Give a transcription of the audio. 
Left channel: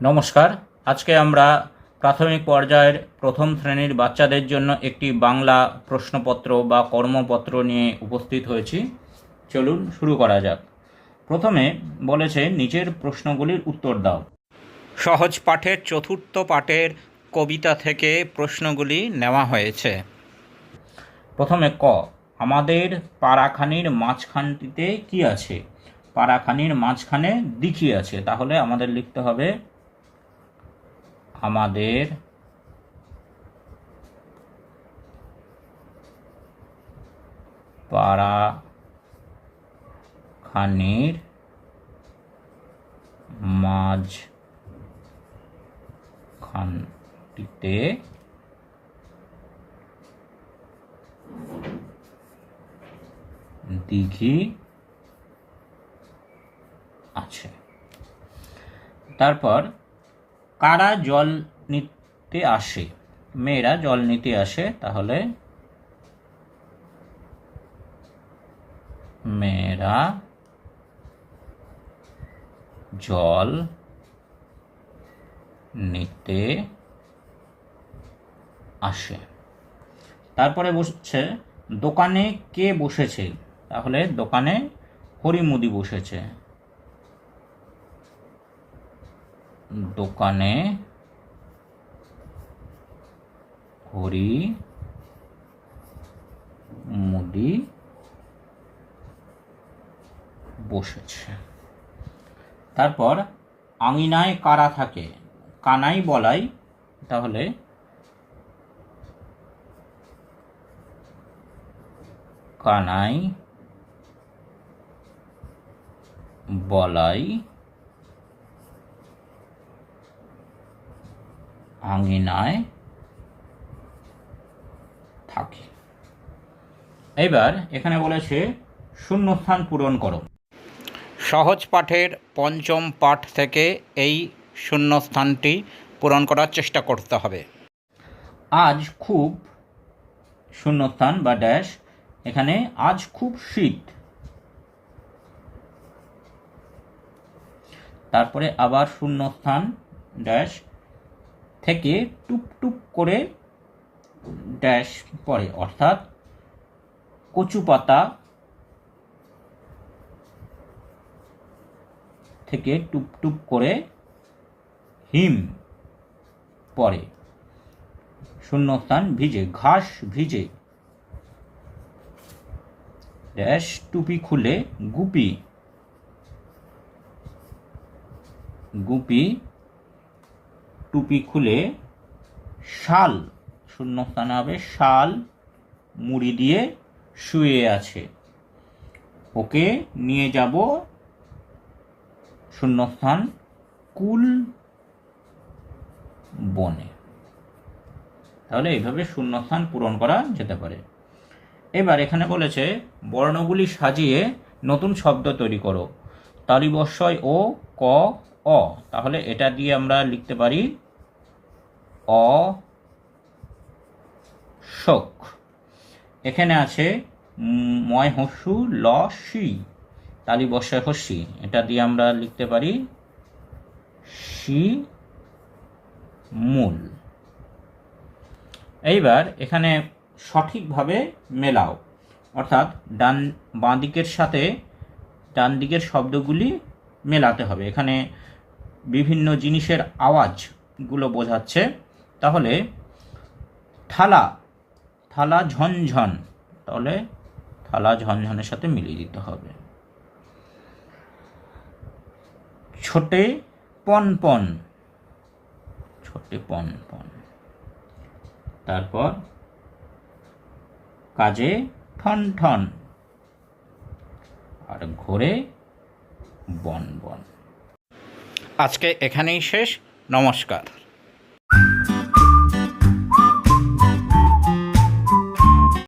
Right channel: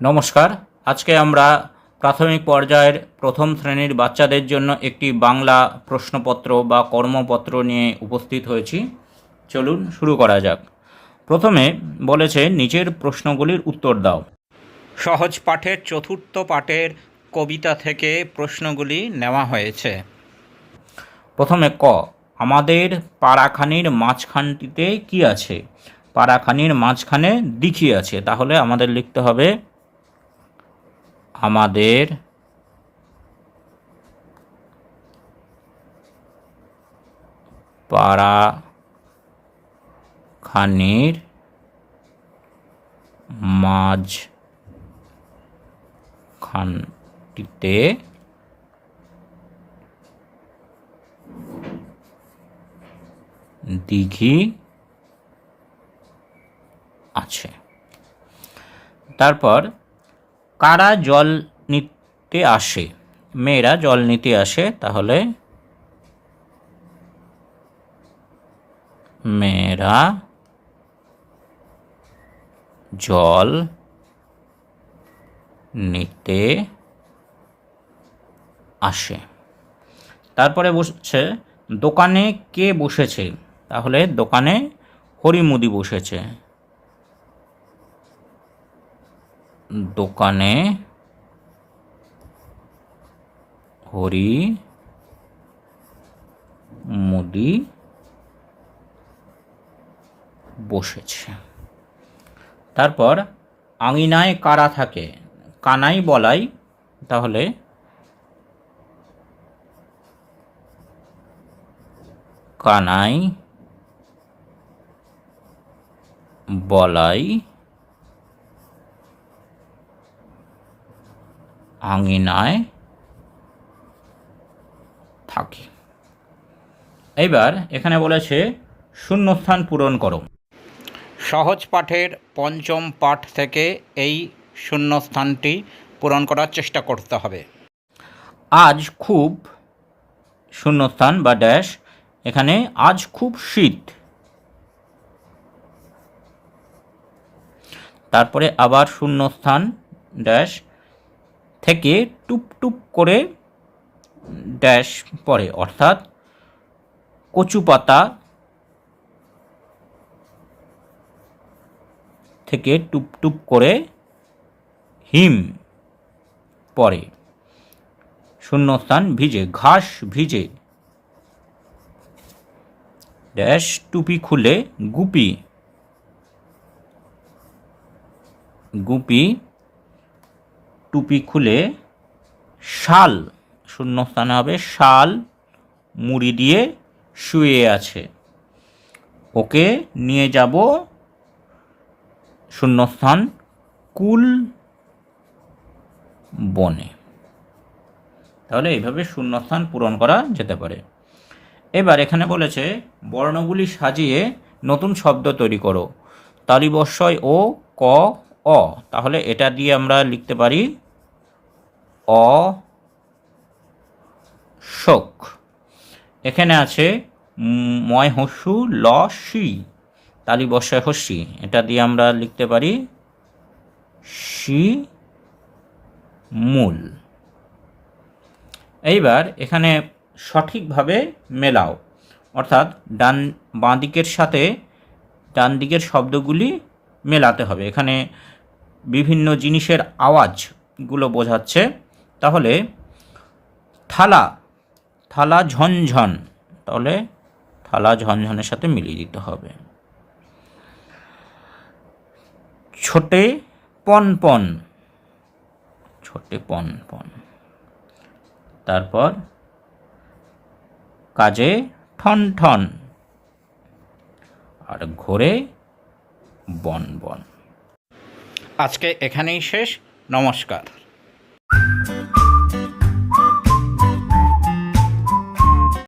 নমস্কার। আজকে আমরা প্রাথমিক পর্যায়ের প্রথম শ্রেণীর বাচ্চাদের জন্য একটি বাংলা প্রশ্নপত্র বা কর্মপত্র নিয়ে উপস্থিত হয়েছি। চলুন শুরু করা যাক। প্রথমে বলেছে নিচের প্রশ্নগুলির উত্তর দাও। সহজ পাঠের চতুর্থ পাঠের কবিতা থেকে প্রশ্নগুলি নেওয়া হয়েছে। প্রথমে ক, আমাদের পাড়াখানির মাঝখানটিতে কি আছে? পাড়াখানির মাঝখানে দিঘি আছে, তাহলে আমাদের লিখতে হবে আমাদের পাড়াখানির মাঝখানটিতে দিঘি আছে। তারপর কারা জল নিতে আসে? মেয়েরা জল নিতে আসে, তাহলে মেয়েরা জল নিতে আসে। তারপরে বসছে দোকানে কে বসেছে? তাহলে দোকানে হরিমুদি বসেছে। দোকানে হরিমুদি বসেছে। তারপর আঙিনায় কারা থাকে? কানাই বলাই, তাহলে কানাই বলাই আঙিনায় থাকে। এবার এখানে বলেছে শূন্যস্থান পূরণ করো। সহজ পাঠের পঞ্চম পাঠ থেকে এই শূন্যস্থানটি পূরণ করার চেষ্টা করতে হবে। আজ খুব শূন্যস্থান বা ড্যাশ, এখানে আজ খুব শীত। তারপরে আবার শূন্যস্থান ড্যাশ থেকে টুপ টুপ করে ড্যাশ পড়ে, অর্থাৎ কচু পাতা থেকে টুপ টুপ করে হিম পড়ে। শূন্যস্থান ভিজে, ঘাস ভিজে ড্যাশ টুপি খুলে গুপি, গুপি টুপি খুলে শাল, শূন্যস্থানে হবে শাল মুড়ি দিয়ে শুয়ে আছে। ওকে নিয়ে যাব শূন্যস্থান কুল বনে। তাহলে এইভাবে শূন্যস্থান পূরণ করা যেতে পারে। এবার এখানে বলেছে বর্ণগুলি সাজিয়ে নতুন শব্দ তৈরি করো। তালিবস্যয় ও ক অ, তাহলে এটা দিয়ে আমরা লিখতে পারি অশোক। এখানে আছে ময় হস্যু ল সি, তালিবস্যয় হস্যি, এটা দিয়ে আমরা লিখতে পারি শিমুল। এইবার এখানে সঠিকভাবে মেলাও, অর্থাৎ বাঁ দিকের সাথে ডান দিকের শব্দগুলি মেলাতে হবে। এখানে বিভিন্ন জিনিসের আওয়াজগুলো বোঝাচ্ছে। তাহলে থালা, থালা ঝনঝন, তাহলে থালা ঝনঝনের সাথে মিলিয়ে দিতে হবে। ছোটে পনপন, ছোটে পনপন। তারপর কাজে ঠন ঠন, আর ঘোরে বন বন। আজকে এখানেই শেষ। নমস্কার।